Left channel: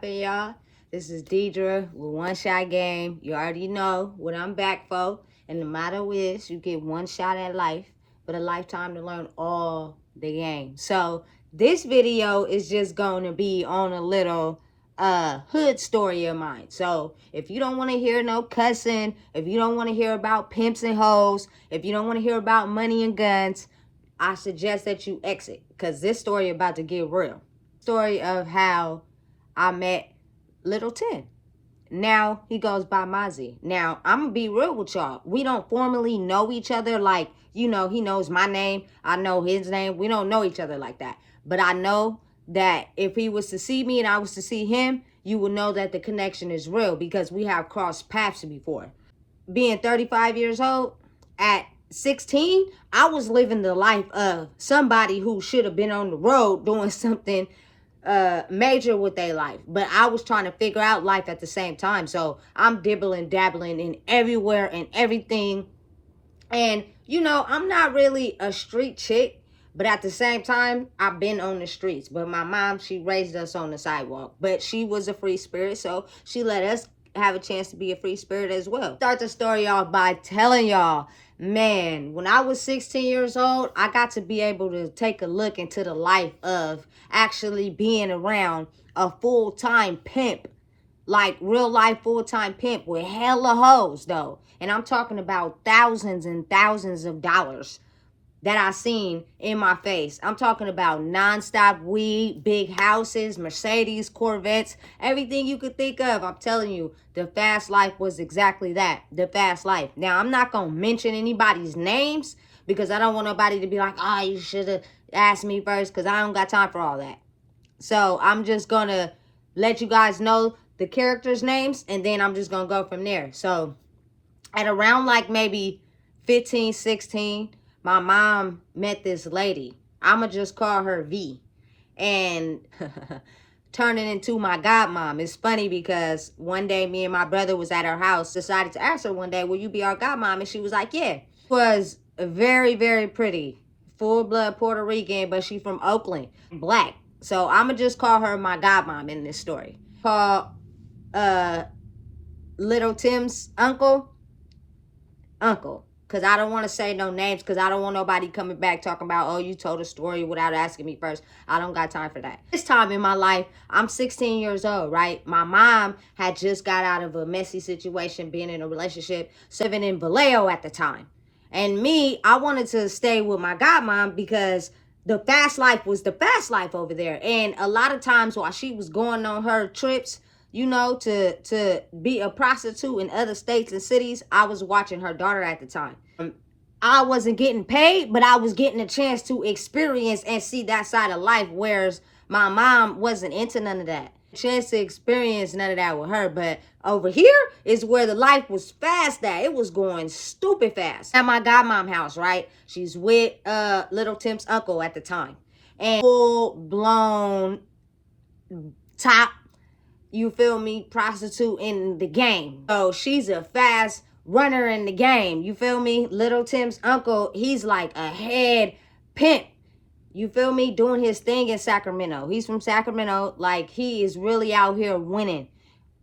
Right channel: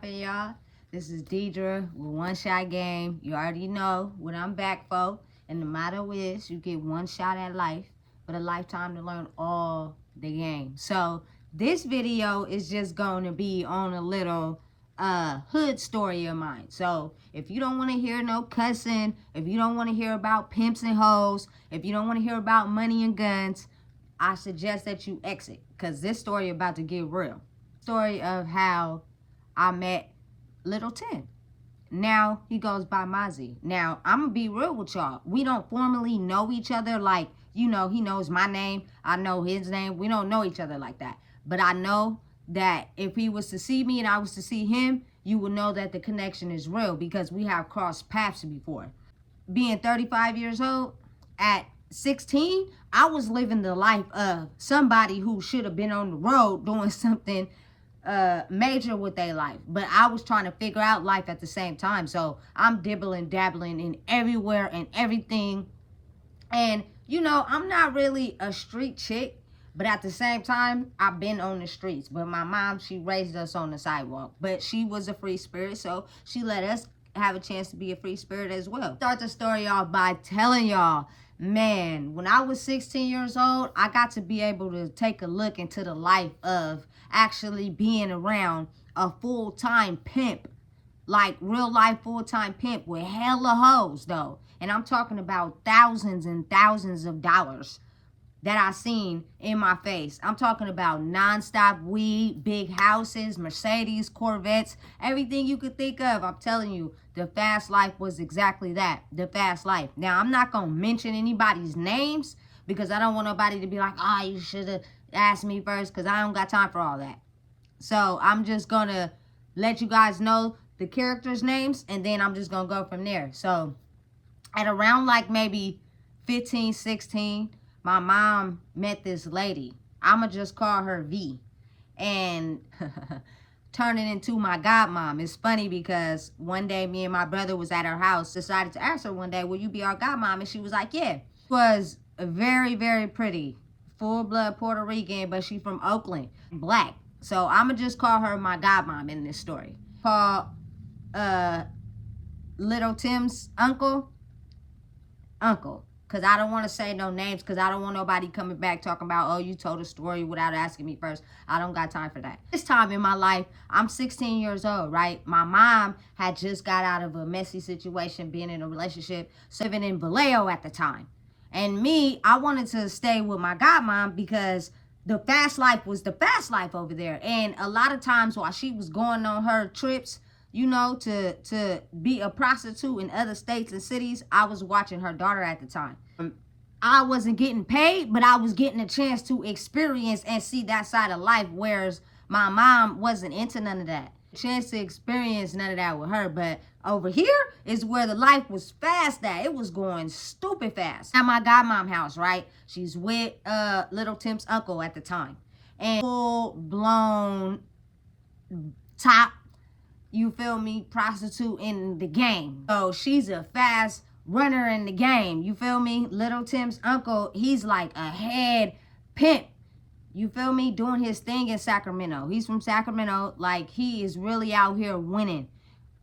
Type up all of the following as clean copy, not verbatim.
Hey y'all, this is Deidre with One Shot Game. You already know what I'm back for. And the motto is you get one shot at life, but a lifetime to learn all the game. So this video is just going to be on a little hood story of mine. So if you don't want to hear no cussing, if you don't want to hear about pimps and hoes, if you don't want to hear about money and guns, I suggest that you exit, because this story about to get real. Story of how I met Little Tim. Now he goes by Mozzy. Now I'm gonna be real with y'all. We don't formally know each other like, he knows my name, I know his name. We don't know each other like that. But I know that if he was to see me and I was to see him, you will know that the connection is real because we have crossed paths before. Being 35 years old, at 16, I was living the life of somebody who should have been on the road doing something major with their life, but I was trying to figure out life at the same time. So I'm dibbling dabbling in everywhere and everything. And I'm not really a street chick, but at the same time I've been on the streets. But my mom, she raised us on the sidewalk, but she was a free spirit, so she let us have a chance to be a free spirit as well. Start the story off by telling y'all, man, when I was 16 years old, I got to be able to take a look into the life of actually being around a full-time pimp, like real life full-time pimp with hella hoes though. And I'm talking about thousands and thousands of dollars that I seen in my face. I'm talking about nonstop weed, big houses, Mercedes, Corvettes, everything you could think of. I'm telling you, the fast life was exactly that, the fast life. Now, I'm not going to mention anybody's names because I don't want nobody to be like, oh, you should have asked me first, because I don't got time for all that. So I'm just going to let you guys know the characters' names, and then I'm just going to go from there. So at around like maybe 15, 16, my mom met this lady. I'ma just call her V. And turning into my godmom. It's funny because one day me and my brother was at her house, decided to ask her one day, will you be our godmom? And she was like, yeah. She was very, very pretty. Full blood Puerto Rican, but she from Oakland. Black. So I'ma just call her my godmom in this story. Call Little Tim's uncle, because I don't want to say no names, because I don't want nobody coming back talking about, oh, you told a story without asking me first. I don't got time for that. This time in my life, I'm 16 years old, right? My mom had just got out of a messy situation, being in a relationship, living in Vallejo at the time. And me, I wanted to stay with my godmom because the fast life was the fast life over there. And a lot of times while she was going on her trips, to be a prostitute in other states and cities, I was watching her daughter at the time. I wasn't getting paid, but I was getting a chance to experience and see that side of life, whereas my mom wasn't into none of that. Chance to experience none of that with her. But over here is where the life was fast at. It was going stupid fast. At my godmom house, right? She's with Little Tim's uncle at the time. And full blown top, you feel me, prostitute in the game. So she's a fast runner in the game. You feel me? Little Tim's uncle, he's like a head pimp. You feel me? Doing his thing in Sacramento. He's from Sacramento. Like, he is really out here winning.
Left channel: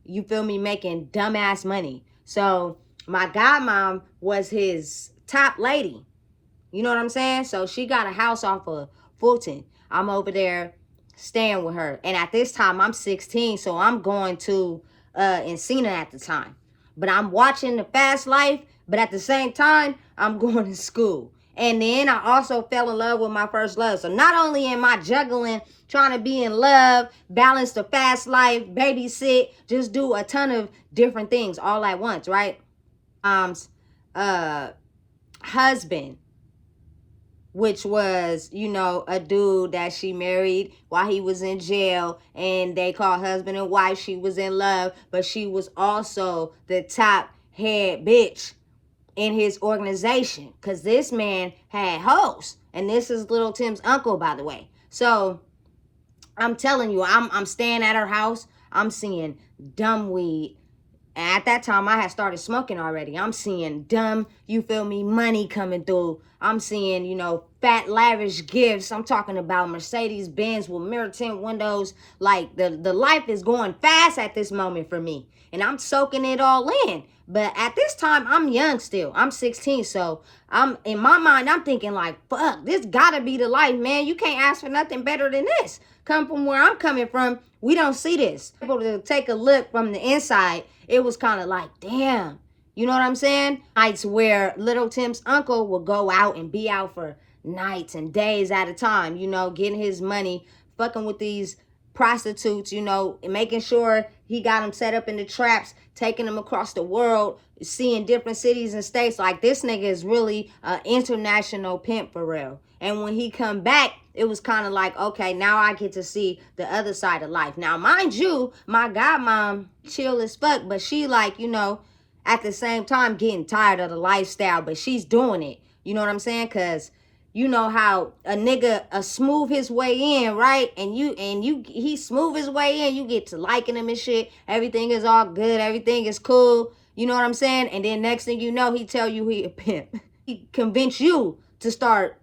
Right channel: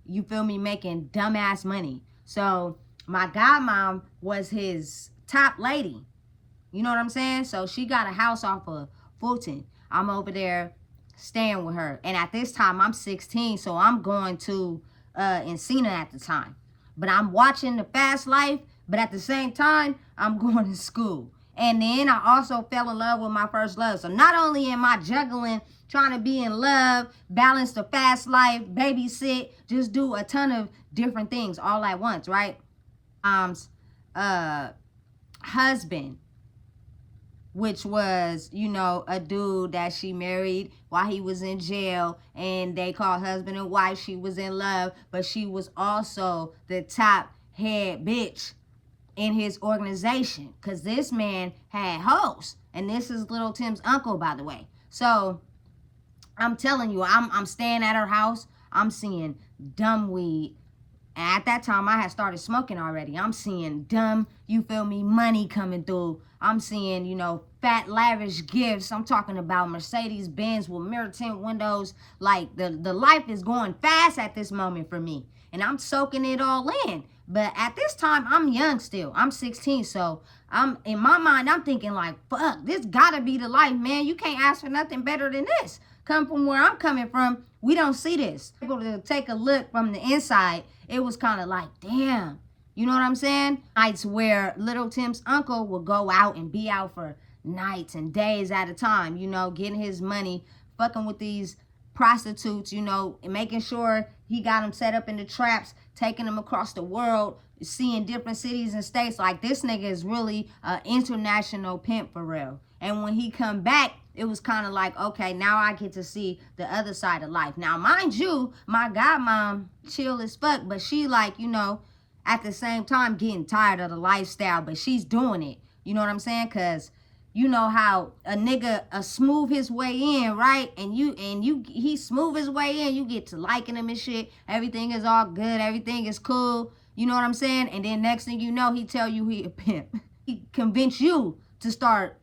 You feel me? Making dumbass money. So my godmom was his top lady. You know what I'm saying? So she got a house off of Fulton. I'm over there staying with her. And at this time, I'm 16, so I'm going to Encina at the time. But I'm watching the fast life, but at the same time, I'm going to school. And then I also fell in love with my first love. So not only am I juggling, trying to be in love, balance the fast life, babysit, just do a ton of different things all at once, right? Husband, which was, a dude that she married while he was in jail, and they called husband and wife. She was in love, but she was also the top head bitch in his organization, because this man had hoes. And this is Little Tim's uncle, by the way. So I'm telling you, I'm staying at her house. I'm seeing dumb weed. And at that time, I had started smoking already. I'm seeing dumb, you feel me, money coming through. I'm seeing, fat, lavish gifts. I'm talking about Mercedes Benz with mirror tint windows. Like the life is going fast at this moment for me, and I'm soaking it all in. But at this time, I'm young still. I'm 16, so I'm in my mind, I'm thinking like, fuck, this gotta be the life, man. You can't ask for nothing better than this. Come from where I'm coming from, we don't see this. Able to take a look from the inside, it was kind of like, damn. You know what I'm saying? Nights where Little Tim's uncle would go out and be out for nights and days at a time, you know, getting his money, fucking with these prostitutes, you know, and making sure he got them set up in the traps, taking them across the world, seeing different cities and states. Like, this nigga is really an international pimp for real. And when he come back, it was kind of like, okay, now I get to see the other side of life. Now, mind you, my godmom chill as fuck, but she like, you know, at the same time getting tired of the lifestyle, but she's doing it. You know what I'm saying? Because you know how a nigga smooth his way in, right? And he smooth his way in, you get to liking him and shit. Everything is all good, everything is cool. You know what I'm saying? And then next thing you know, he tell you he a pimp. He convince you to start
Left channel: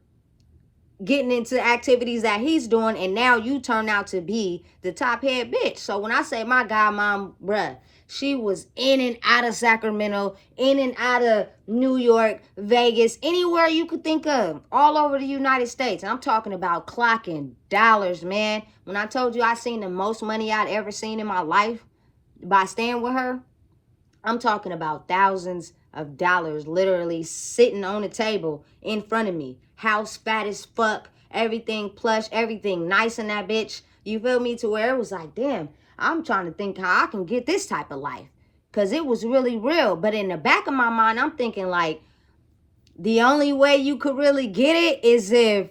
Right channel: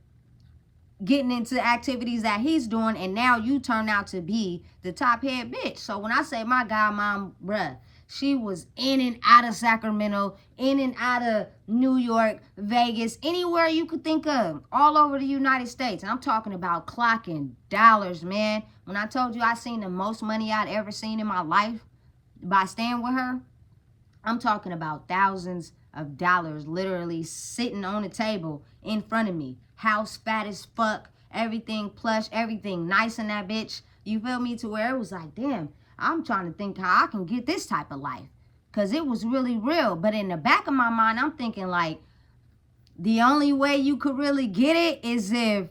getting into activities that he's doing, and now you turn out to be the top head bitch. So when I say my godmom, bruh, she was in and out of Sacramento, in and out of New York, Vegas, anywhere you could think of, all over the United States. And I'm talking about clocking dollars, man. When I told you I seen the most money I'd ever seen in my life by staying with her, I'm talking about thousands of dollars literally sitting on the table in front of me. House fat as fuck, everything plush, everything nice in that bitch. You feel me? To where it was like, damn, I'm trying to think how I can get this type of life. Because it was really real. But in the back of my mind, I'm thinking like, the only way you could really get it is if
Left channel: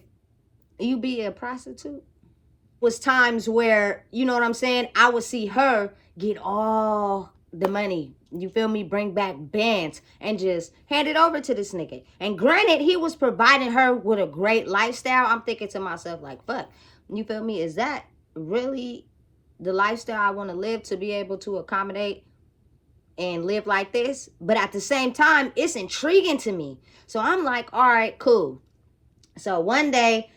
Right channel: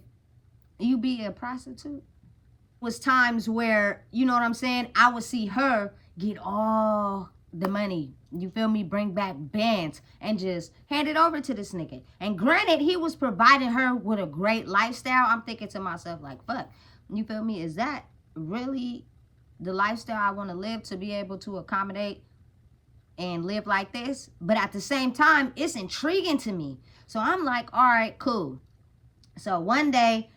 you be a prostitute. Was times where, you know what I'm saying, I would see her get all the money, you feel me, bring back bands and just hand it over to this nigga. And granted, he was providing her with a great lifestyle. I'm thinking to myself like, fuck, you feel me, is that really the lifestyle I want to live, to be able to accommodate and live like this? But at the same time, it's intriguing to me. So I'm like, all right, cool. So one day,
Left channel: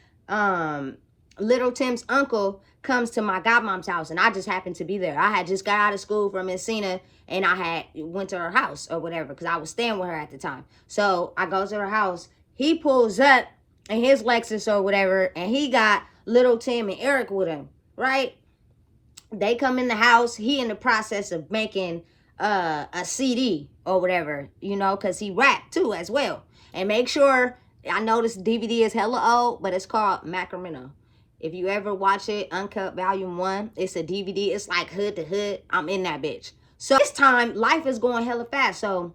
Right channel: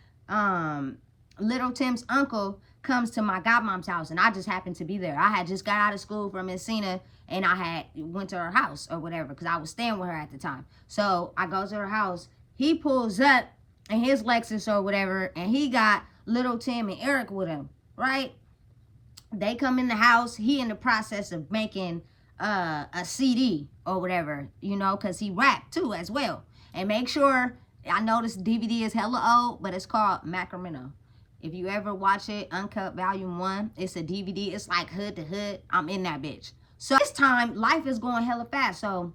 Little Tim's uncle comes to my godmom's house, and I just happened to be there. I had just got out of school from Encina, and I had went to her house or whatever, because I was staying with her at the time. So I go to her house. He pulls up in his Lexus or whatever, and he got Little Tim and Eric with him, right? They come in the house. He in the process of making a CD or whatever, you know, because he rapped too as well. And make sure, I know this DVD is hella old, but it's called Sacramento. If you ever watch it, Uncut Volume 1, it's a DVD. It's like hood to hood. I'm in that bitch. So this time, life is going hella fast. So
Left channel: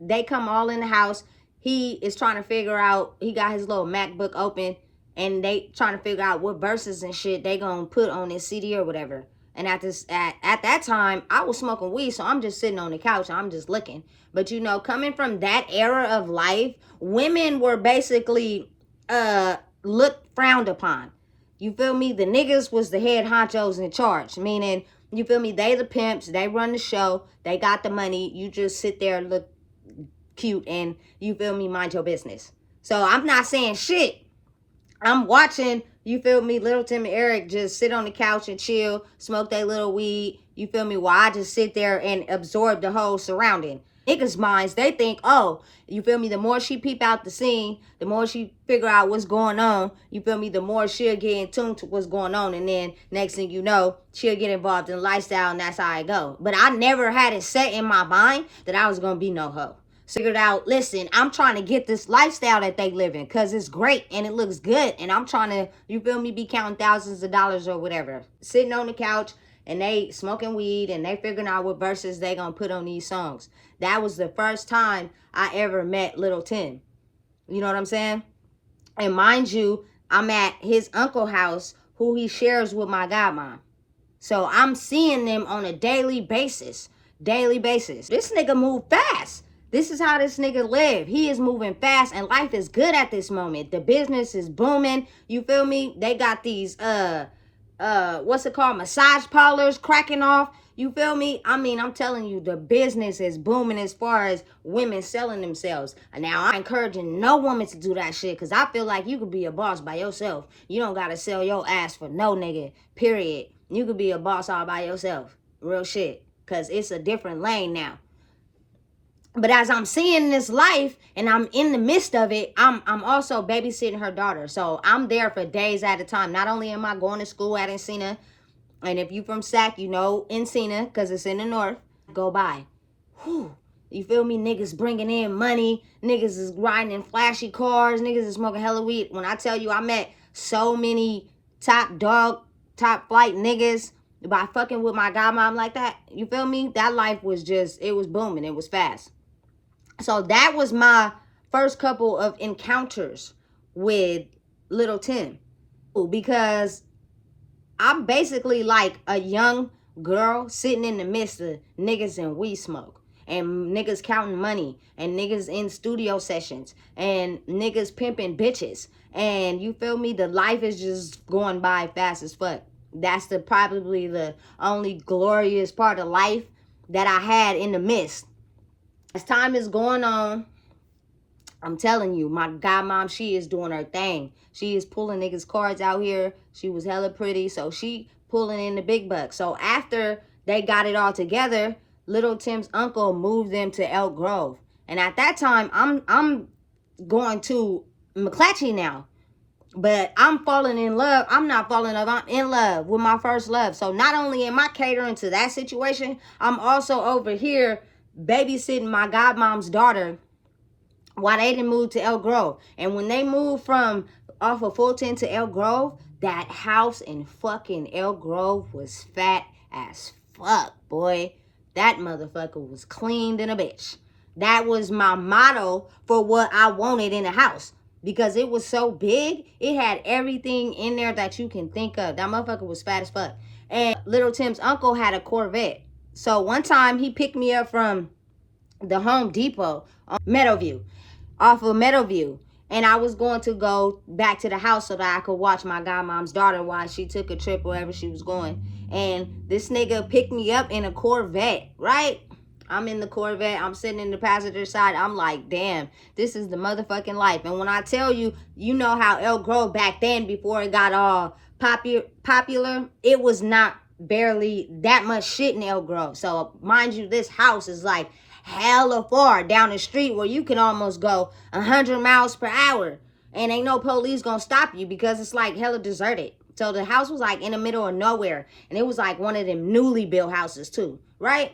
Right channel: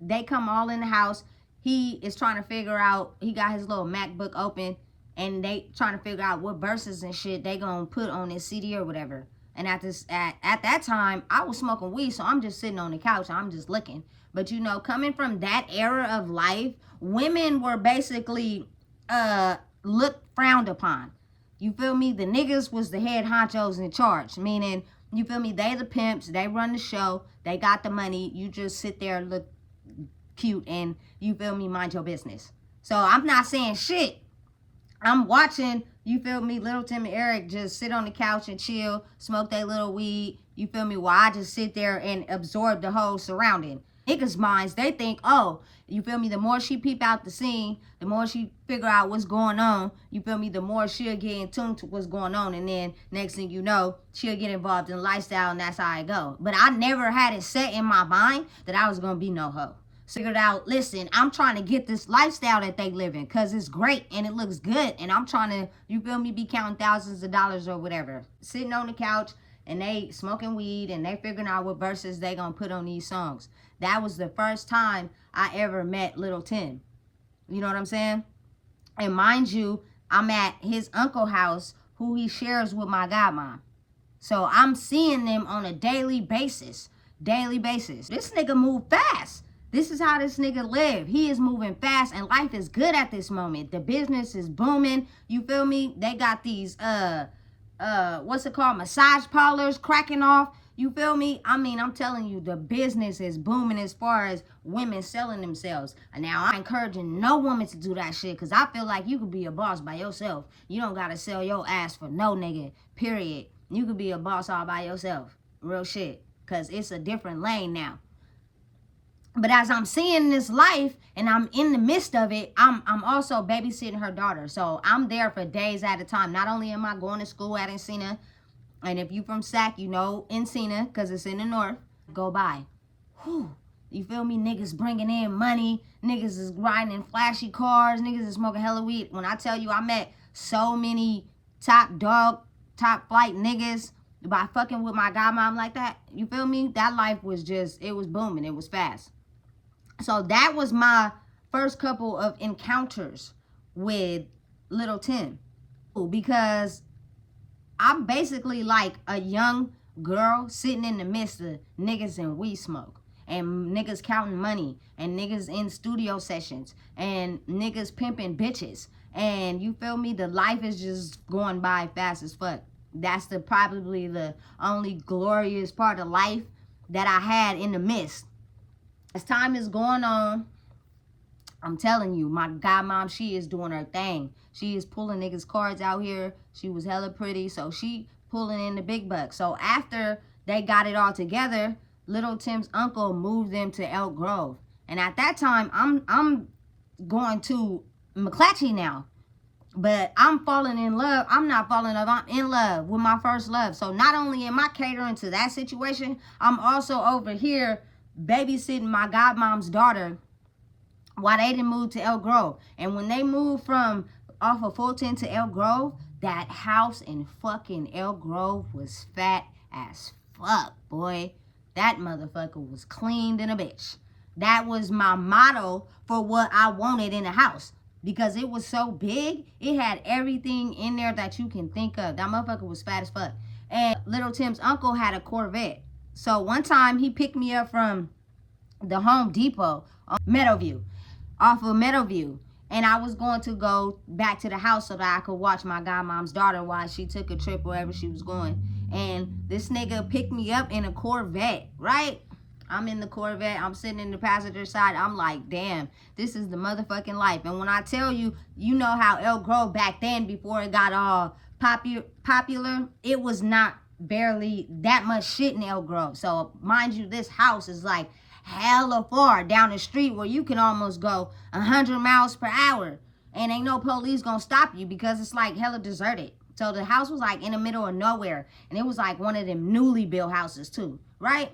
they come all in the house. He is trying to figure out, he got his little MacBook open, and they trying to figure out what verses and shit they gonna put on this CD or whatever. And at that time, I was smoking weed, so I'm just sitting on the couch and I'm just looking. But you know, coming from that era of life, women were basically looked frowned upon. You feel me? The niggas was the head honchos in charge, meaning, you feel me, they the pimps, they run the show, they got the money, you just sit there, look cute, and you feel me, mind your business. So I'm not saying shit. I'm watching, you feel me, Little Tim and Eric just sit on the couch and chill, smoke their little weed, you feel me, while I just sit there and absorb the whole surrounding. Niggas' minds, they think, oh, you feel me, the more she peep out the scene, the more she figure out what's going on, you feel me, the more she'll get in tune to what's going on, and then next thing you know, she'll get involved in lifestyle, and that's how I go. But I never had it set in my mind that I was gonna be no hoe. So figured out, listen, I'm trying to get this lifestyle that they live in, because it's great and it looks good, and I'm trying to, you feel me, be counting thousands of dollars or whatever, sitting on the couch, and they smoking weed, and they figuring out what verses they gonna put on these songs. That was the first time I ever met Little Tim. You know what I'm saying? And mind you, I'm at his uncle's house, who he shares with my godmom. So I'm seeing them on a daily basis. Daily basis. This nigga move fast. This is how this nigga live. He is moving fast, and life is good at this moment. The business is booming. You feel me? They got these what's it called, massage parlors cracking off. You feel me? I mean, I'm telling you, the business is booming as far as women selling themselves. Now, I'm encouraging no woman to do that shit, because I feel like you could be a boss by yourself. You don't gotta sell your ass for no nigga, period. You could be a boss all by yourself. Real shit. Because it's a different lane now. But as I'm seeing this life and I'm in the midst of it, I'm also babysitting her daughter. So I'm there for days at a time. Not only am I going to school at Encina, and if you from Sac, you know Encina, because it's in the north, go by. Whew. You feel me? Niggas bringing in money. Niggas is riding in flashy cars. Niggas is smoking hella weed. When I tell you I met so many top flight niggas by fucking with my godmom like that, you feel me? That life was just, it was booming. It was fast. So that was my first couple of encounters with Little Tim. Because I'm basically like a young girl sitting in the midst of niggas and weed smoke. And niggas counting money. And niggas in studio sessions. And niggas pimping bitches. And you feel me? The life is just going by fast as fuck. That's probably the only glorious part of life that I had in the midst. As time is going on, I'm telling you, my godmom, she is doing her thing. She is pulling niggas cards out here. She was hella pretty, so she pulling in the big bucks. So after they got it all together, Little Tim's uncle moved them to Elk Grove. And at that time, I'm going to McClatchy now. But I'm falling in love. I'm not falling in love. I'm in love with my first love. So not only am I catering to that situation, I'm also over here babysitting my godmom's daughter while they didn't move to Elk Grove. And when they moved from off of Fulton to Elk Grove, that house in fucking Elk Grove was fat as fuck, boy. That motherfucker was cleaned in a bitch. That was my motto for what I wanted in a house. Because it was so big, it had everything in there that you can think of. That motherfucker was fat as fuck. And Little Tim's uncle had a Corvette. So one time he picked me up from the Home Depot on Meadowview, off of Meadowview. And I was going to go back to the house so that I could watch my godmom's daughter while she took a trip wherever she was going. And this nigga picked me up in a Corvette, right? I'm in the Corvette. I'm sitting in the passenger side. I'm like, damn, this is the motherfucking life. And when I tell you, you know how Elk Grove back then, before it got all popular, it was not barely that much shit in Elk Grove. So mind you, this house is like hella far down the street where you can almost go 100 miles per hour. And ain't no police gonna stop you because it's like hella deserted. So the house was like in the middle of nowhere. And it was like one of them newly built houses too, right?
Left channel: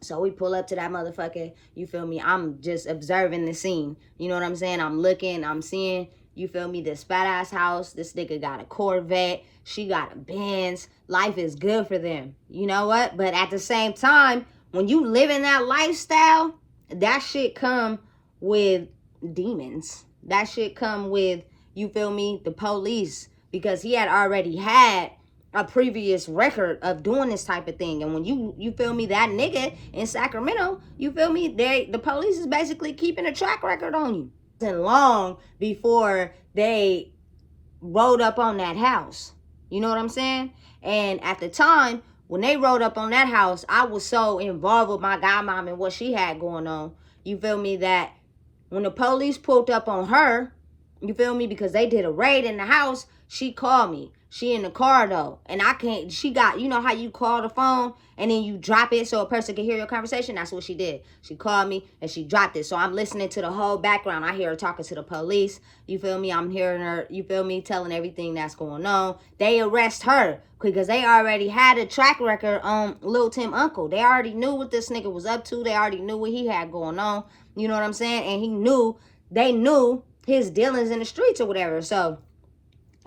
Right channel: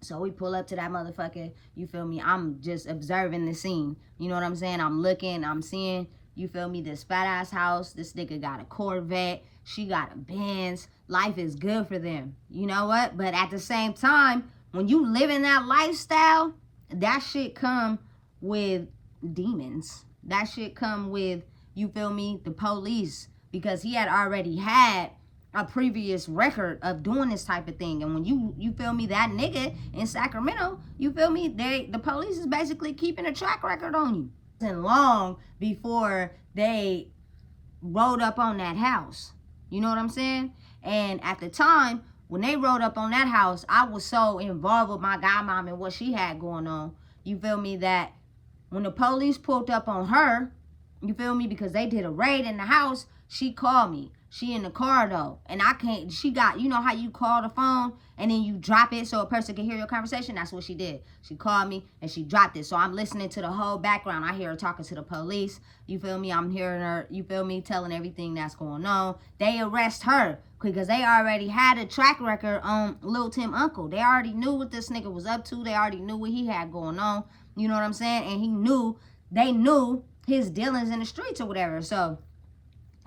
So we pull up to that motherfucker, you feel me? I'm just observing the scene. You know what I'm saying? I'm looking, I'm seeing, you feel me, this fat ass house. This nigga got a Corvette. She got a Benz. Life is good for them. You know what? But at the same time, when you live in that lifestyle, that shit come with demons. That shit come with, you feel me, the police. Because he had already had a previous record of doing this type of thing. And when you feel me, that nigga in Sacramento, you feel me, the police is basically keeping a track record on you. And long before they rode up on that house. You know what I'm saying? And at the time, when they rode up on that house, I was so involved with my godmom and what she had going on. You feel me, that when the police pulled up on her, you feel me, because they did a raid in the house, she called me. She in the car though, and I can't, she got, you know how you call the phone and then you drop it so a person can hear your conversation? That's what she did. She called me and she dropped it. So I'm listening to the whole background. I hear her talking to the police. You feel me? I'm hearing her, you feel me, telling everything that's going on. They arrest her because they already had a track record on Lil Tim uncle. They already knew what this nigga was up to. They already knew what he had going on. You know what I'm saying? And they knew his dealings in the streets or whatever. So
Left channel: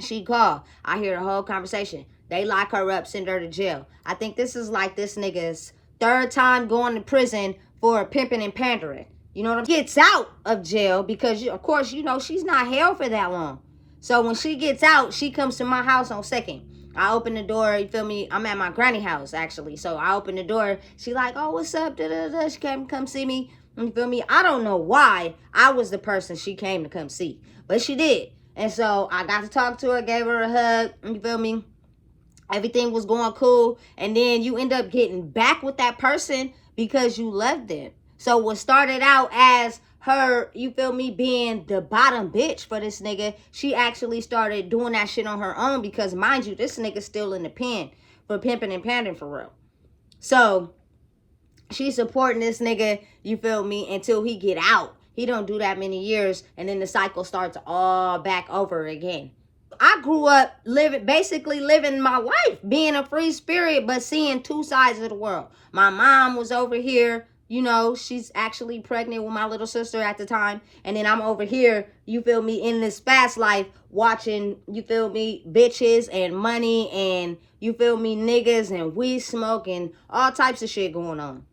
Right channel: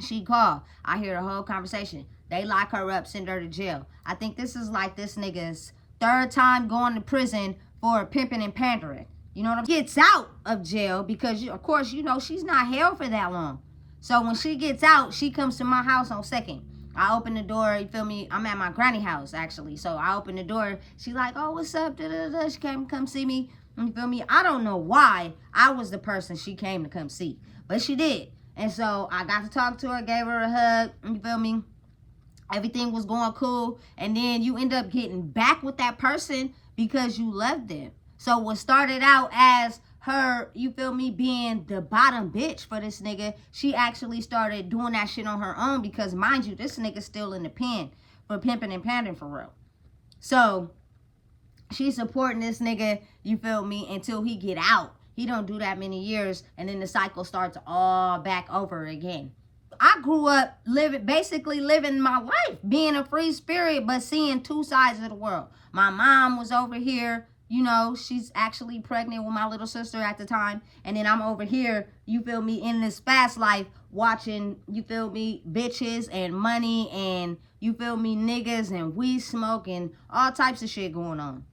she called. I hear the whole conversation. They lock her up, send her to jail. I think this is like this nigga's third time going to prison for pimping and pandering. You know what I'm saying? Gets out of jail because, of course, you know, she's not held for that long. So when she gets out, she comes to my house on 2nd. I open the door, you feel me? I'm at my granny house, actually. So I open the door. She like, oh, what's up? Da-da-da. She came to come see me. You feel me? I don't know why I was the person she came to come see. But she did. And so I got to talk to her, gave her a hug, you feel me? Everything was going cool, and then you end up getting back with that person because you left them. So what started out as her, you feel me, being the bottom bitch for this nigga, she actually started doing that shit on her own because, mind you, this nigga's still in the pen for pimping and pandering for real. So she's supporting this nigga, you feel me, until he get out. He don't do that many years, and then the cycle starts all back over again. I grew up basically living my life, being a free spirit, but seeing two sides of the world. My mom was over here, you know, she's actually pregnant with my little sister at the time. And then I'm over here, you feel me, in this fast life, watching, you feel me, bitches and money and, you feel me, niggas and weed smoke and all types of shit going on.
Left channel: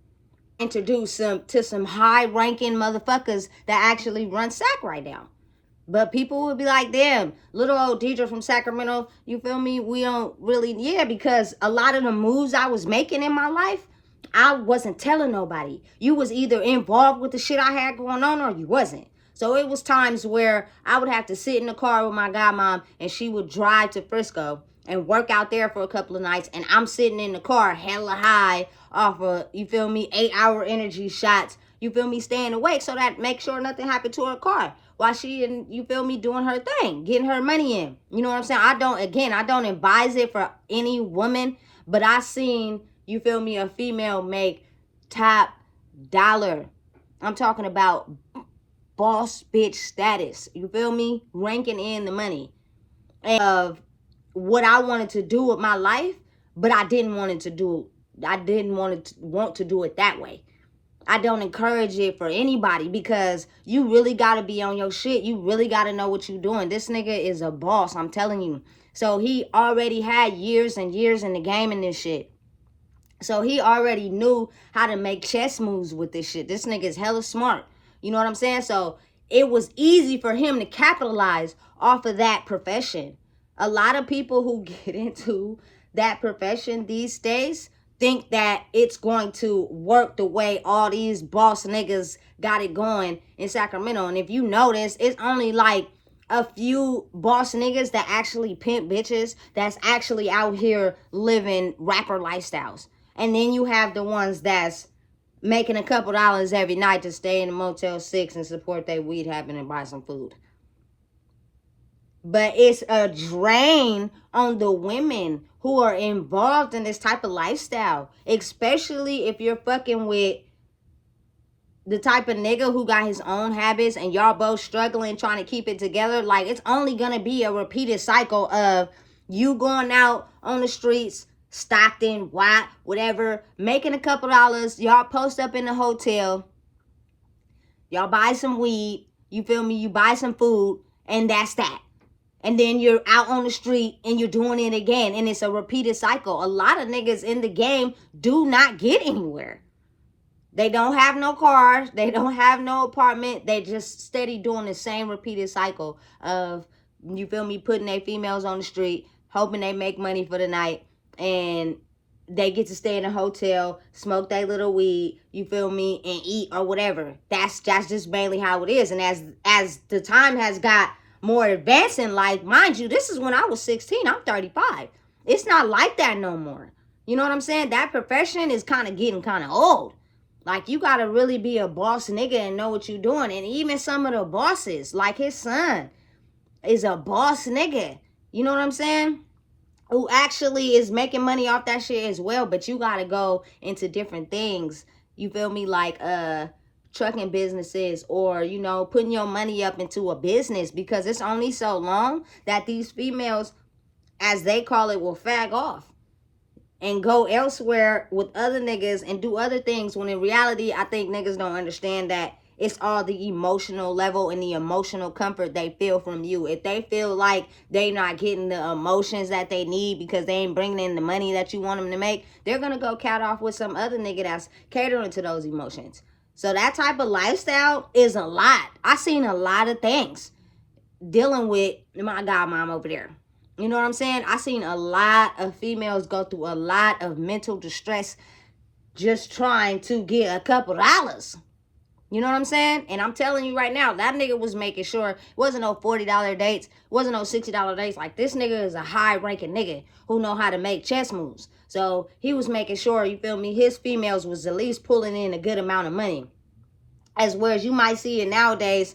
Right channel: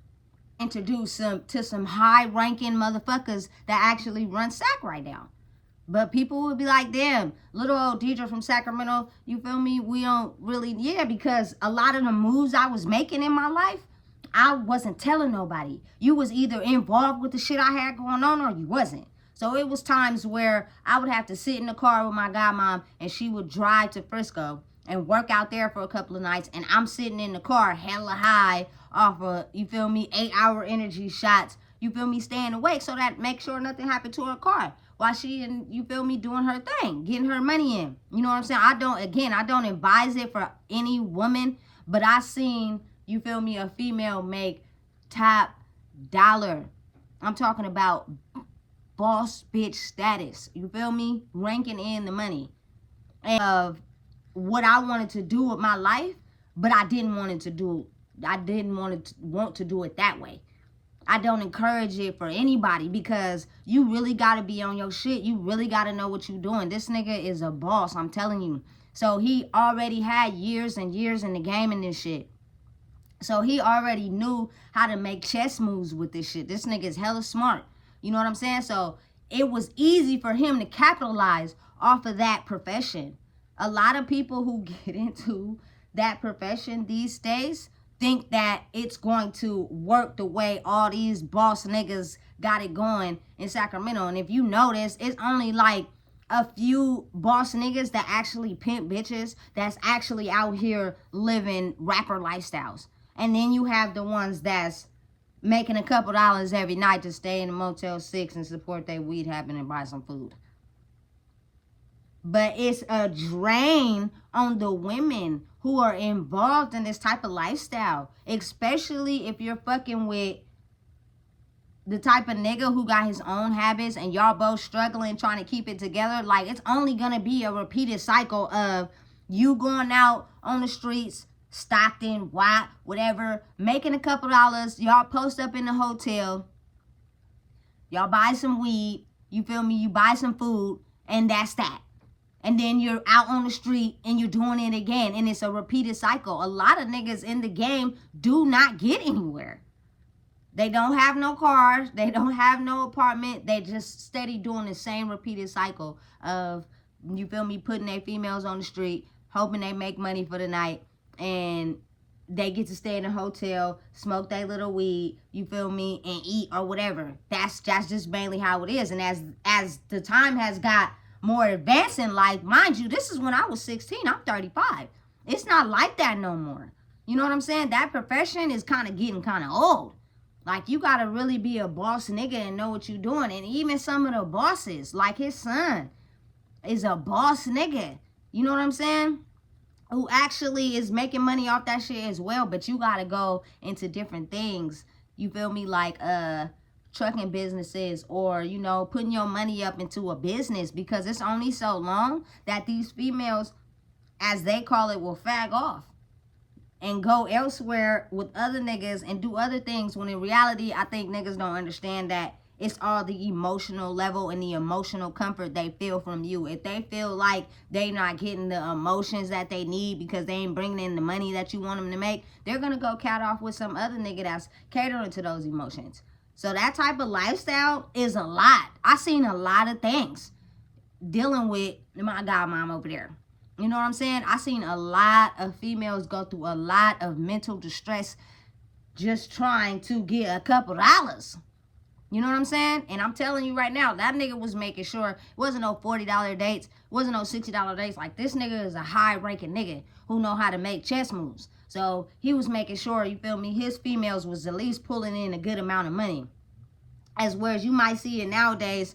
Introduce to some high ranking motherfuckers that actually run Sac right now. But people would be like, damn, little old Deidre from Sacramento, you feel me? We don't really, yeah, because a lot of the moves I was making in my life, I wasn't telling nobody. You was either involved with the shit I had going on or you wasn't. So it was times where I would have to sit in the car with my godmom and she would drive to Frisco and work out there for a couple of nights. And I'm sitting in the car hella high off of, you feel me, 8-hour energy shots. You feel me, staying awake so that make sure nothing happened to her car while she and, you feel me, doing her thing, getting her money in. You know what I'm saying? I don't advise it for any woman, but I seen, you feel me, a female make top dollar. I'm talking about boss bitch status. You feel me? Ranking in the money. And of what I wanted to do with my life, but I didn't want to do it that way. I don't encourage it for anybody because you really got to be on your shit. You really got to know what you're doing. This nigga is a boss, I'm telling you. So he already had years and years in the game in this shit. So he already knew how to make chess moves with this shit. This nigga is hella smart. You know what I'm saying? So it was easy for him to capitalize off of that profession. A lot of people who get into that profession these days think that it's going to work the way all these boss niggas got it going in Sacramento. And if you notice, it's only like a few boss niggas that actually pimp bitches that's actually out here living rapper lifestyles. And then you have the ones that's making a couple dollars every night to stay in a Motel 6 and support their weed habit and buy some food. But it's a drain on the women who are involved in this type of lifestyle, especially if you're fucking with the type of nigga who got his own habits and y'all both struggling trying to keep it together. Like, it's only gonna be a repeated cycle of you going out on the streets, Stockton, Watt, whatever, making a couple dollars, y'all post up in the hotel, y'all buy some weed, you feel me, you buy some food, and that's that. And then you're out on the street and you're doing it again. And it's a repeated cycle. A lot of niggas in the game do not get anywhere. They don't have no cars. They don't have no apartment. They just steady doing the same repeated cycle of, you feel me, putting their females on the street, hoping they make money for the night. And they get to stay in a hotel, smoke their little weed, you feel me, and eat or whatever. That's just mainly how it is. And as the time has got more advanced in life, mind you, this is when I was 16. I'm 35. It's not like that no more. You know what I'm saying? That profession is kind of getting kind of old. Like, you got to really be a boss nigga and know what you're doing. And even some of the bosses, like his son, is a boss nigga. You know what I'm saying? Who actually is making money off that shit as well. But you got to go into different things. You feel me? Like, trucking businesses, or, you know, putting your money up into a business, because it's only so long that these females, as they call it, will fag off and go elsewhere with other niggas and do other things, when in reality, I think niggas don't understand that it's all the emotional level and the emotional comfort they feel from you. If they feel like they not getting the emotions that they need because they ain't bringing in the money that you want them to make, they're gonna go cat off with some other nigga that's catering to those emotions. So that type of lifestyle is a lot. I seen a lot of things dealing with my godmom over there. You know what I'm saying? I seen a lot of females go through a lot of mental distress just trying to get a couple dollars. You know what I'm saying? And I'm telling you right now, that nigga was making sure it wasn't no $40 dates, wasn't no $60 dates. Like, this nigga is a high-ranking nigga who know how to make chess moves. So he was making sure, you feel me, his females was at least pulling in a good amount of money. As whereas you might see it nowadays,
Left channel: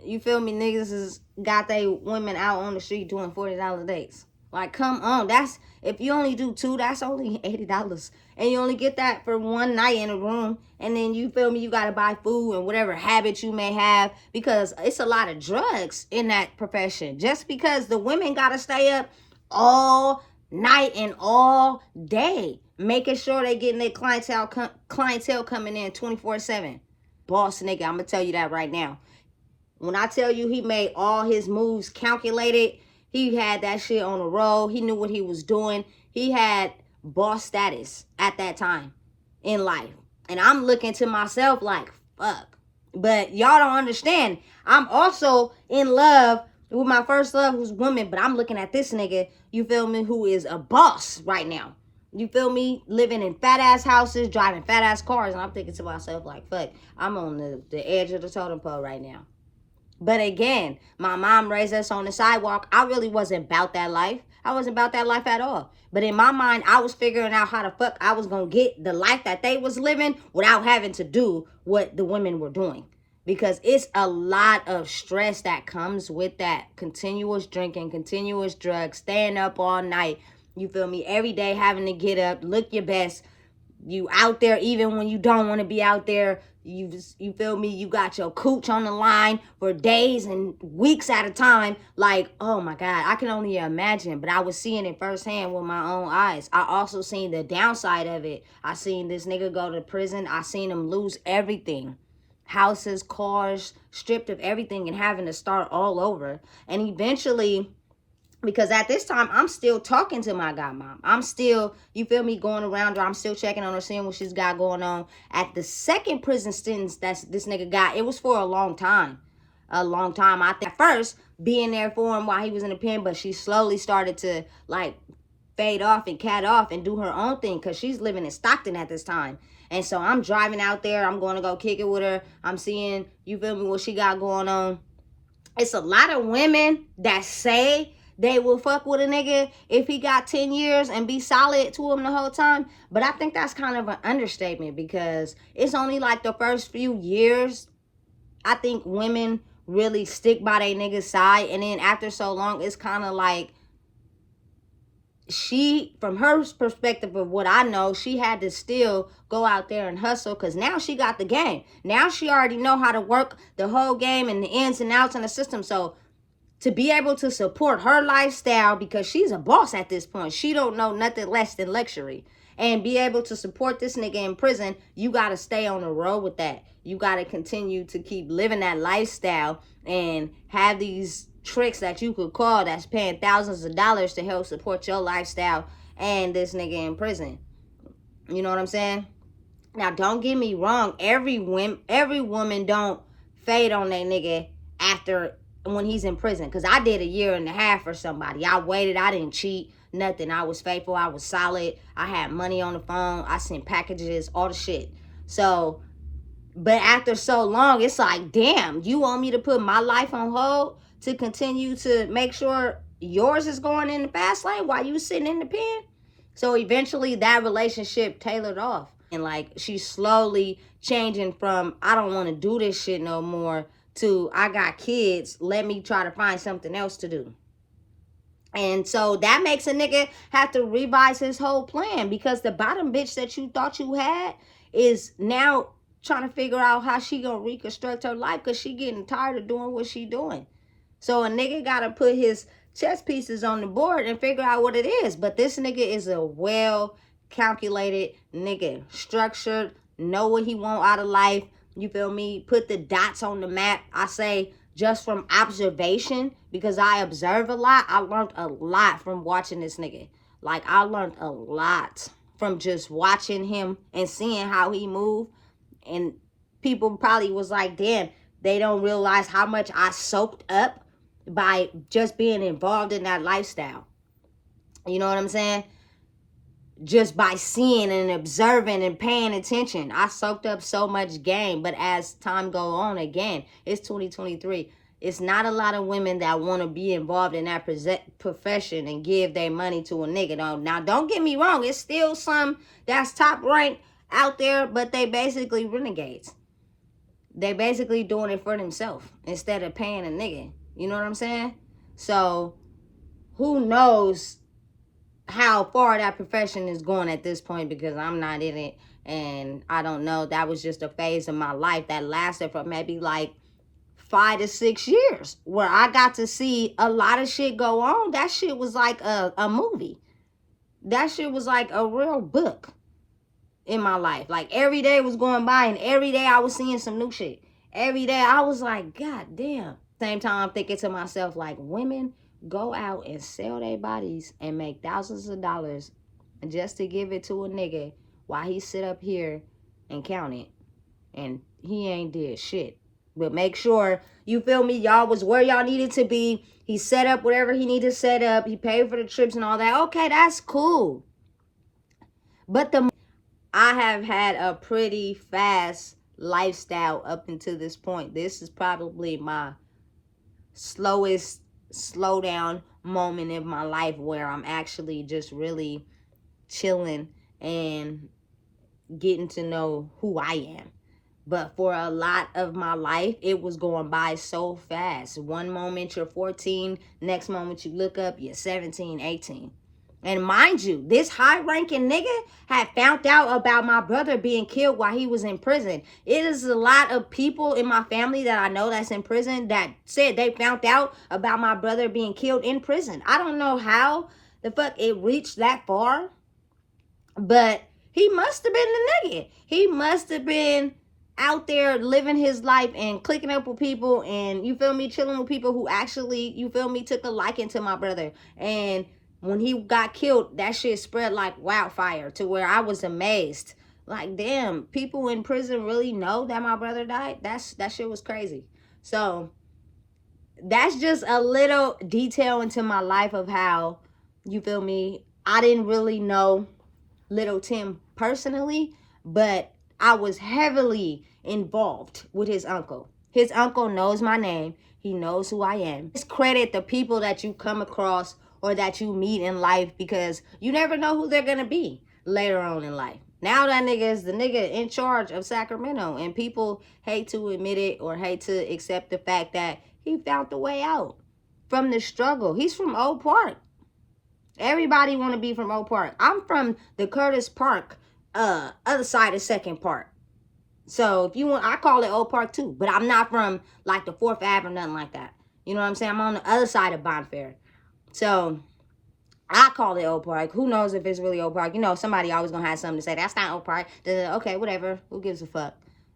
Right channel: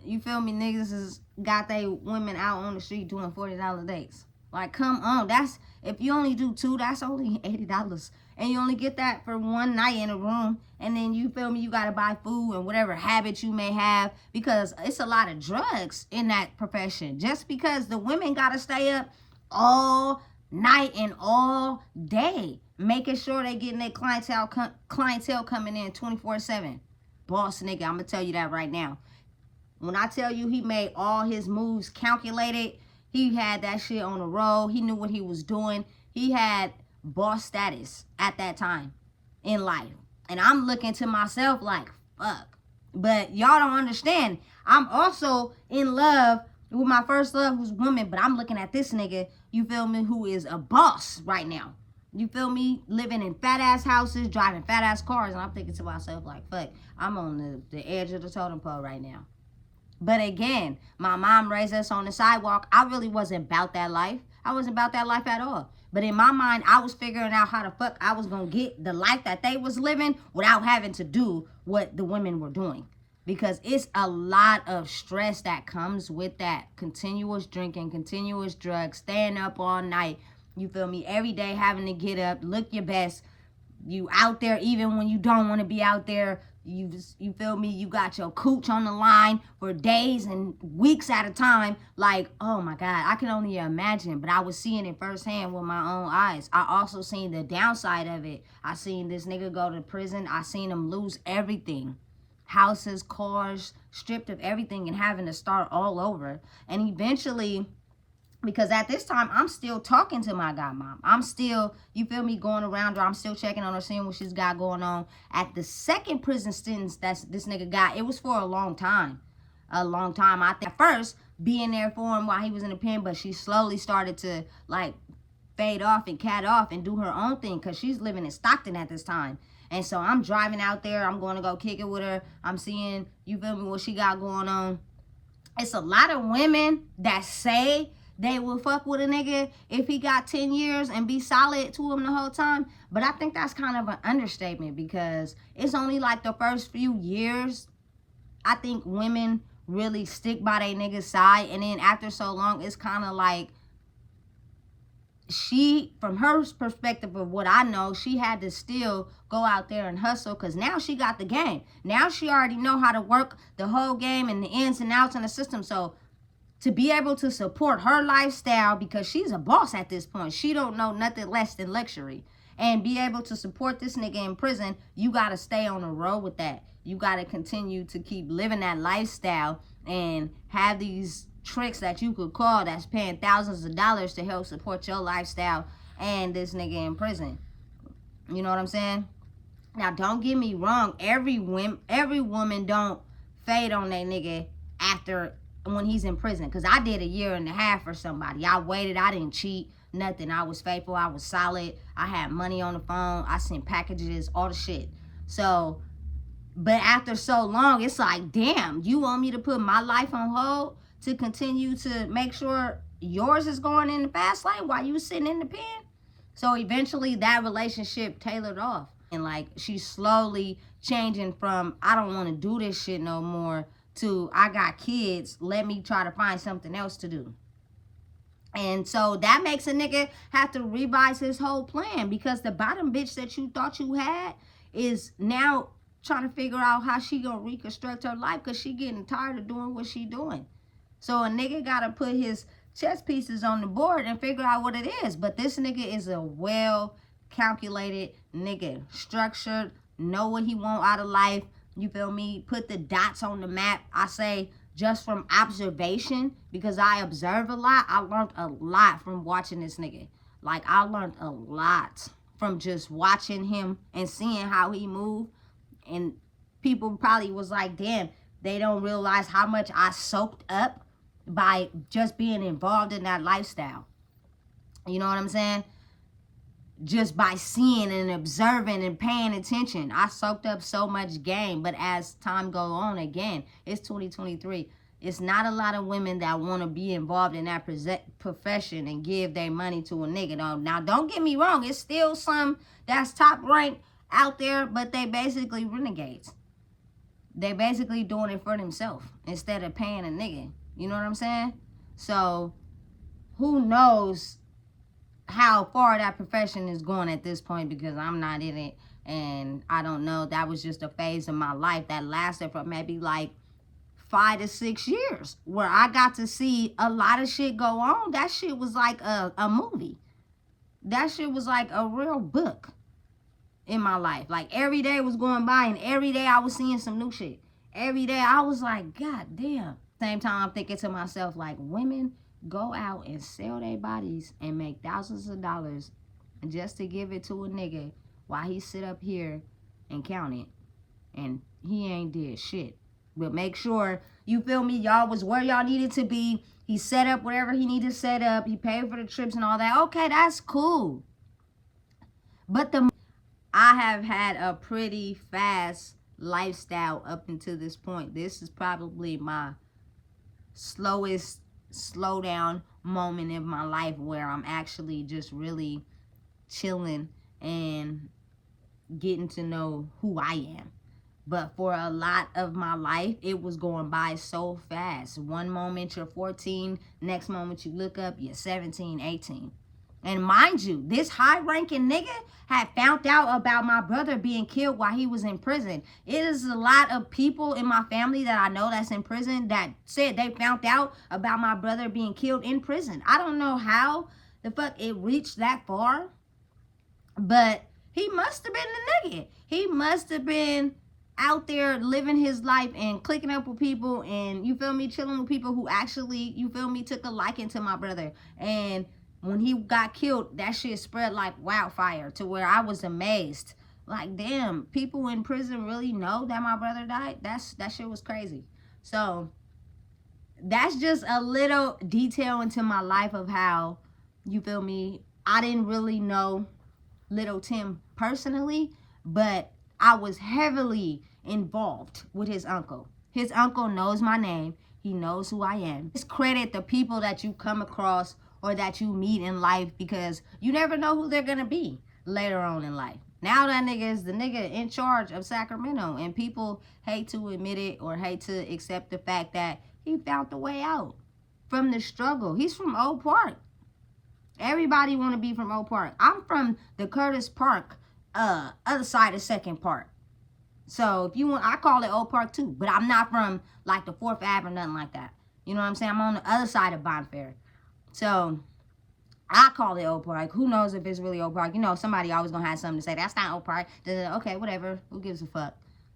you feel me, niggas is got they women out on the street doing $40 dates. Like, come on, that's, if you only do 2, that's only $80, and you only get that for one night in a room. And then, you feel me, you gotta buy food and whatever habits you may have, because it's a lot of drugs in that profession. Just because the women gotta stay up all night and all day, making sure they getting their clientele coming in 24/7. Boss nigga, I'm gonna tell you that right now. When I tell you he made all his moves calculated, he had that shit on the road. He knew what he was doing. He had boss status at that time in life. And I'm looking to myself like, fuck. But y'all don't understand. I'm also in love with my first love, who's woman, but I'm looking at this nigga, you feel me, who is a boss right now. You feel me? Living in fat ass houses, driving fat ass cars. And I'm thinking to myself like, fuck, I'm on the edge of the totem pole right now. But again, my mom raised us on the sidewalk. I really wasn't about that life. I wasn't about that life at all. But in my mind, I was figuring out how the fuck I was going to get the life that they was living without having to do what the women were doing. Because it's a lot of stress that comes with that. Continuous drinking, continuous drugs, staying up all night. You feel me? Every day having to get up, look your best. You out there even when you don't want to be out there. You feel me, you got your cooch on the line for days and weeks at a time. Like, oh my God, I can only imagine. But I was seeing it firsthand with my own eyes. I also seen the downside of it. I seen this nigga go to prison. I seen him lose everything. Houses, cars, stripped of everything, and having to start all over. And eventually, because at this time, I'm still talking to my godmom. I'm still, you feel me, going around her. I'm still checking on her, seeing what she's got going on. At the second prison sentence that this nigga got, it was for a long time. A long time. I think at first, being there for him while he was in the pen, but she slowly started to, like, fade off and cat off and do her own thing, because she's living in Stockton at this time. And so I'm driving out there. I'm going to go kick it with her. I'm seeing, you feel me, what she got going on. It's a lot of women that say they will fuck with a nigga if he got 10 years and be solid to him the whole time. But I think that's kind of an understatement, because it's only like the first few years I think women really stick by their nigga's side. And then after so long, it's kind of like she, from her perspective of what I know, she had to still go out there and hustle, because now she got the game. Now she already know how to work the whole game and the ins and outs in the system. So to be able to support her lifestyle, because she's a boss at this point, she don't know nothing less than luxury, and be able to support this nigga in prison, you got to stay on the road with that. You got to continue to keep living that lifestyle and have these tricks that you could call that's paying thousands of dollars to help support your lifestyle and this nigga in prison. You know what I'm saying? Now, don't get me wrong. Every woman don't fade on that nigga after, when he's in prison. Because I did 1.5 years for somebody. I waited. I didn't cheat. Nothing. I was faithful. I was solid. I had money on the phone. I sent packages. All the shit. So, but after so long, it's like, damn, you want me to put my life on hold to continue to make sure yours is going in the fast lane while you sitting in the pen? So eventually that relationship tailored off. And like, she's slowly changing from, I don't want to do this shit no more, to, I got kids, let me try to find something else to do. And so that makes a nigga have to revise his whole plan, because the bottom bitch that you thought you had is now trying to figure out how she gonna reconstruct her life, because she getting tired of doing what she doing. So a nigga gotta put his chess pieces on the board and figure out what it is. But this nigga is a well calculated nigga, structured, know what he want out of life. You feel me? Put the dots on the map. I say, just from observation, because I observe a lot. I learned a lot from watching this nigga. Like, I learned a lot from just watching him and seeing how he moved. And people probably was like, damn, they don't realize how much I soaked up by just being involved in that lifestyle. You know what I'm saying? just by seeing and observing and paying attention. I soaked up so much game, but as time go on, again, it's 2023. It's not a lot of women that want to be involved in that profession and give their money to a nigga. Now, don't get me wrong. It's still some that's top ranked out there, but they basically renegades. They basically doing it for themselves instead of paying a nigga. You know what I'm saying? So, who knows how far that profession is going at this point, because I'm not in it, and I don't know. That was just a phase of my life that lasted for maybe like 5 to 6 years, where I got to see a lot of shit go on. That shit was like a movie. That shit was like a real book in my life. Like, every day was going by, and every day I was seeing some new shit. Every day I was like, God damn. Same time I'm thinking to myself, like, women go out and sell their bodies and make thousands of dollars just to give it to a nigga while he sit up here and count it. And he ain't did shit. But make sure, you feel me, y'all was where y'all needed to be. He set up whatever he needed to set up. He paid for the trips and all that. Okay, that's cool. But I have had a pretty fast lifestyle up until this point. This is probably my slowest slow down moment in my life where I'm actually just really chilling and getting to know who I am. But for a lot of my life, it was going by so fast. One moment you're 14, next moment you look up, you're 17, 18. And mind you, this high-ranking nigga had found out about my brother being killed while he was in prison. It is a lot of people in my family that I know that's in prison that said they found out about my brother being killed in prison. I don't know how the fuck it reached that far, but he must have been the nigga. He must have been out there living his life and clicking up with people and, you feel me, chilling with people who actually, you feel me, took a liking to my brother. And when he got killed, that shit spread like wildfire to where I was amazed. Like, damn, people in prison really know that my brother died? That shit was crazy. So that's just a little detail into my life of how, you feel me, I didn't really know Little Tim personally, but I was heavily involved with his uncle. His uncle knows my name. He knows who I am. Just credit the people that you come across or that you meet in life, because you never know who they're going to be later on in life. Now that nigga is the nigga in charge of Sacramento, and people hate to admit it or hate to accept the fact that he found the way out from the struggle. He's from Oak Park. Everybody want to be from Oak Park. I'm from the Curtis Park, other side of Second Park. So if you want, I call it Oak Park too. But I'm not from like the 4th Ave or nothing like that. You know what I'm saying? I'm on the other side of Bonfair. So I call it Oak Park. Who knows if it's really Oak Park? You know, somebody always gonna have something to say. That's not Oak Park. Okay, whatever. Who gives a fuck?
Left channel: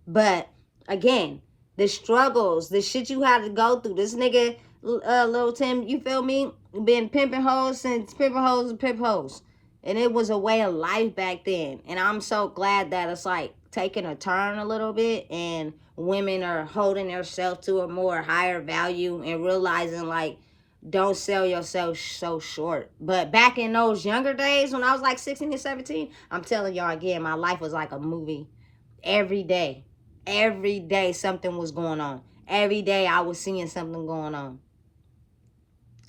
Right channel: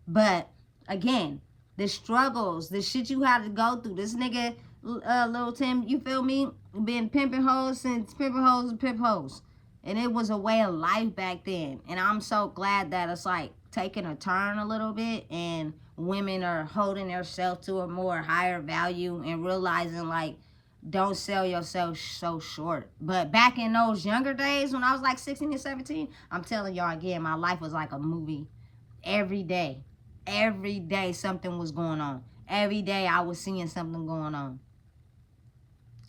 But again, the struggles, the shit you had to go through. This nigga, Lil Tim, you feel me? Been pimping hoes since pimping hoes and pimp hoes. And it was a way of life back then. And I'm so glad that it's like taking a turn a little bit, and women are holding themselves to a more higher value and realizing, like, don't sell yourself so short. But back in those younger days when I was like 16 and 17, I'm telling y'all again, my life was like a movie. Every day something was going on. Every day I was seeing something going on.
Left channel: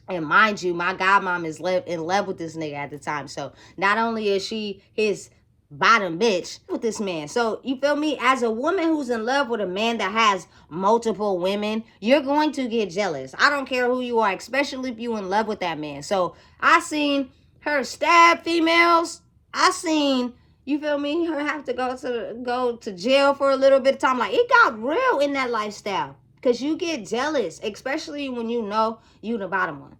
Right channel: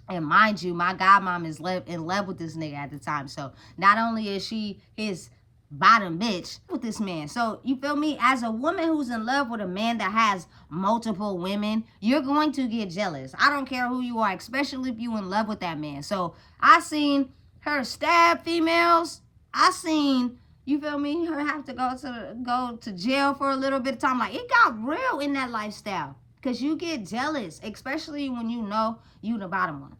And mind you, my godmom is in love with this nigga at the time. So not only is she his bottom bitch with this man. So you feel me? As a woman who's in love with a man that has multiple women, you're going to get jealous. I don't care who you are, especially if you in love with that man. So I seen her stab females. I seen, you feel me, her have to go to jail for a little bit of time. Like, it got real in that lifestyle. Because you get jealous, especially when you know you the bottom one.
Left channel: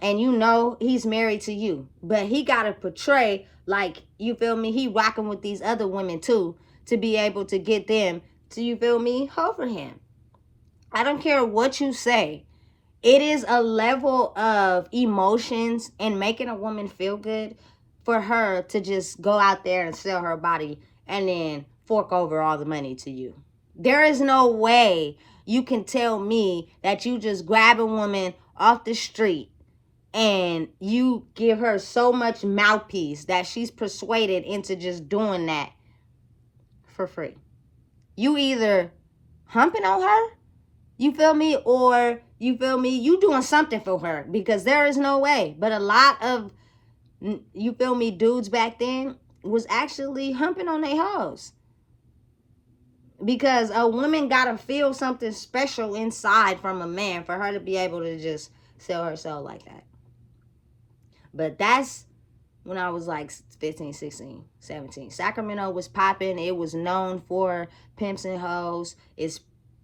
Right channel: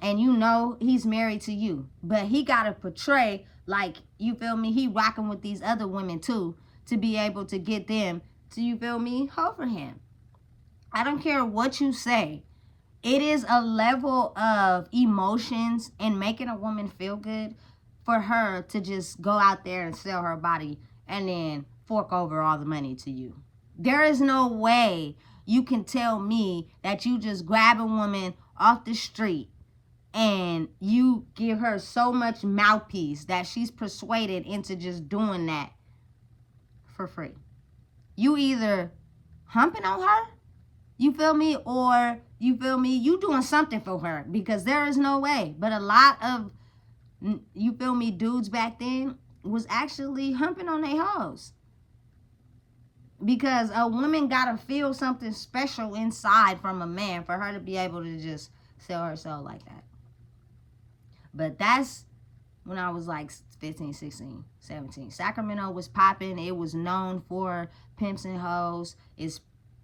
And you know he's married to you. But he got to portray like, you feel me, he rocking with these other women too, to be able to get them to, you feel me, hoe for him. I don't care what you say. It is a level of emotions and making a woman feel good for her to just go out there and sell her body and then fork over all the money to you. There is no way you can tell me that you just grab a woman off the street and you give her so much mouthpiece that she's persuaded into just doing that for free. You either humping on her, you feel me, or you feel me, you doing something for her, because there is no way. But a lot of, you feel me, dudes back then was actually humping on their hoes, because a woman gotta feel something special inside from a man for her to be able to just sell her soul like that. But that's when I was like 15, 16, 17. Sacramento was popping. It was known for pimps and hoes. It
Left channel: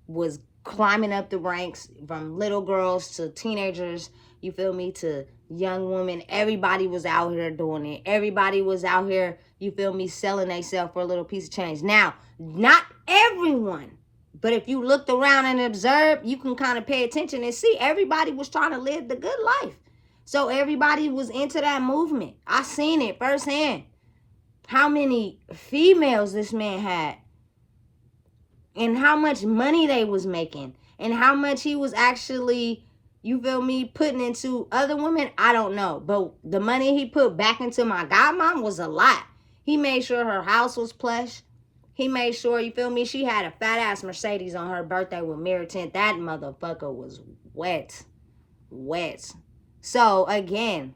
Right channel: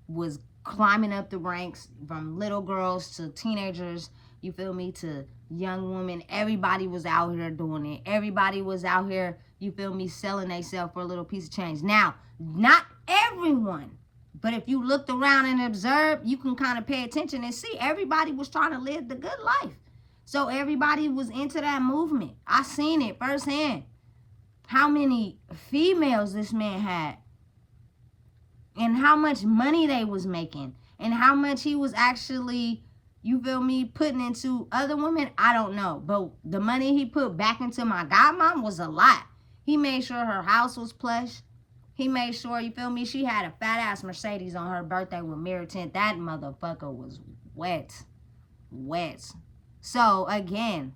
was climbing up the ranks from little girls to teenagers, you feel me, to young women. Everybody was out here doing it. Everybody was out here, you feel me, selling themselves for a little piece of change. Now, not everyone, but if you looked around and observed, you can kind of pay attention and see everybody was trying to live the good life. So everybody was into that movement. I seen it firsthand. How many females this man had, and how much money they was making, and how much he was actually, you feel me, putting into other women. I don't know. But the money he put back into my godmom was a lot. He made sure her house was plush. He made sure, you feel me, she had a fat ass Mercedes on her birthday with mirror tint. That motherfucker was wet. Wet. So again,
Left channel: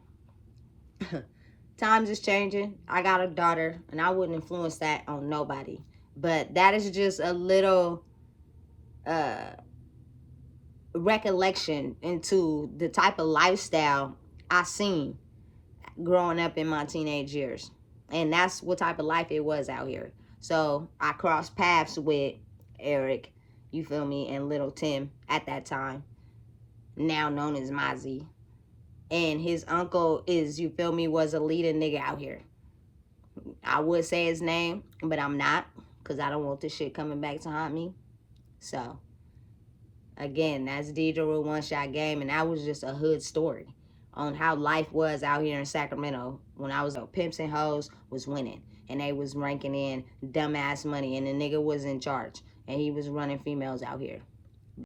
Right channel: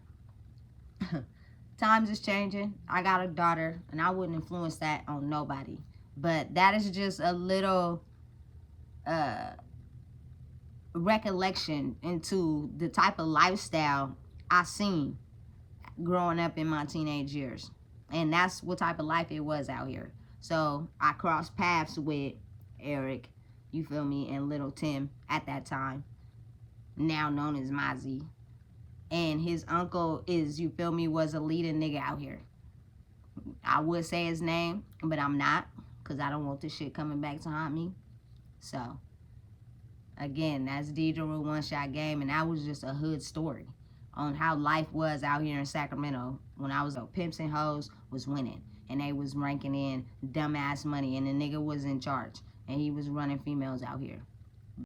times is changing. I got a daughter, and I wouldn't influence that on nobody. But that is just a little recollection into the type of lifestyle I seen growing up in my teenage years. And that's what type of life it was out here. So I crossed paths with Eric, you feel me, and little Tim at that time, now known as Mozzy. And his uncle is, you feel me, was a leading nigga out here. I would say his name, but I'm not, because I don't want this shit coming back to haunt me. So, again, that's Deidre with One Shot Game, and that was just a hood story on how life was out here in Sacramento when I was pimps and hoes was winning, and they was ranking in dumbass money, and the nigga was in charge, and he was running females out here.